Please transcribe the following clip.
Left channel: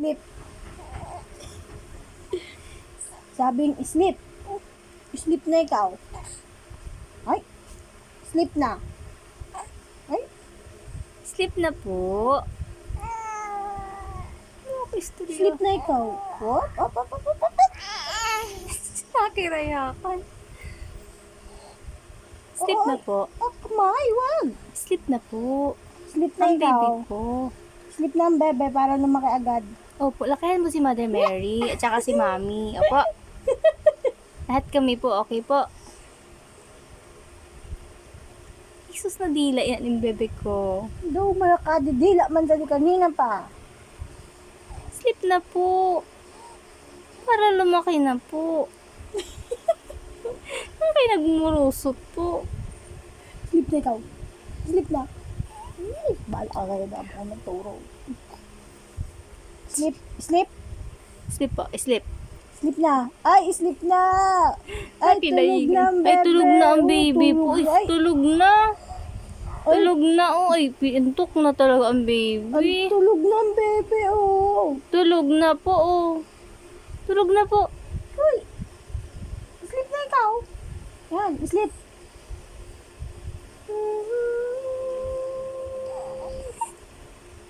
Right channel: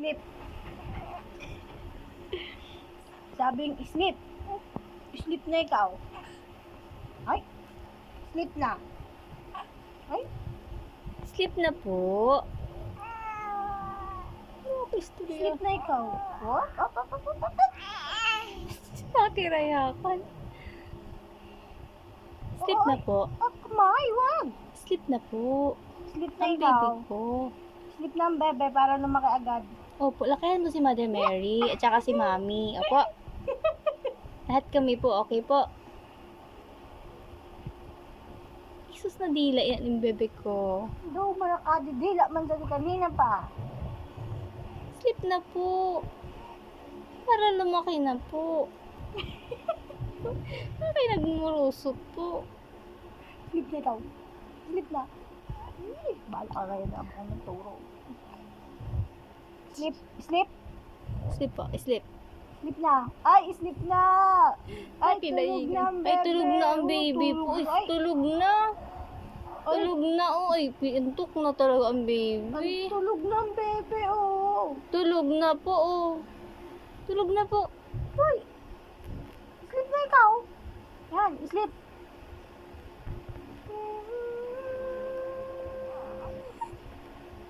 Sleep. Sabing sleep. Sleep na ikaw. Ay. Sleep na. Ay. Sleep na po. Sleep na ikaw. What? Op. Nakirayakan. Sleep na po. Oh, kumay, wag. Sleep na po. Sleep na Ang ikaw. baby ko. Sleep na ang bebe para lumaki agad. Opo, lakayan mo si Mother Mary at saka si Mommy. Opo. Lahat kami po, okay po. Isus na dila yan yung bebe ko. Daw malakadidila man dali kanina pa. Sleep na po. Para lumaki na po. Bakit nagmurusot po? Sleep na ikaw. Sleep na. Bala ka kayo na ako ng turo. Sleep. Sleep. Sleep po, sleep. Sleep na. Ay, sleep na. Ay, tulog na ang bebe. Ay, tulog na ang baby po. Ay, Ay, tulog na. Tulog na. Oh, ay, pintok na talaga ang baby. ay, tulog na ang bebe, oh. Tulog na po, oh. Tulog na po. Uy. Sleep na ikaw. Yan, sleep.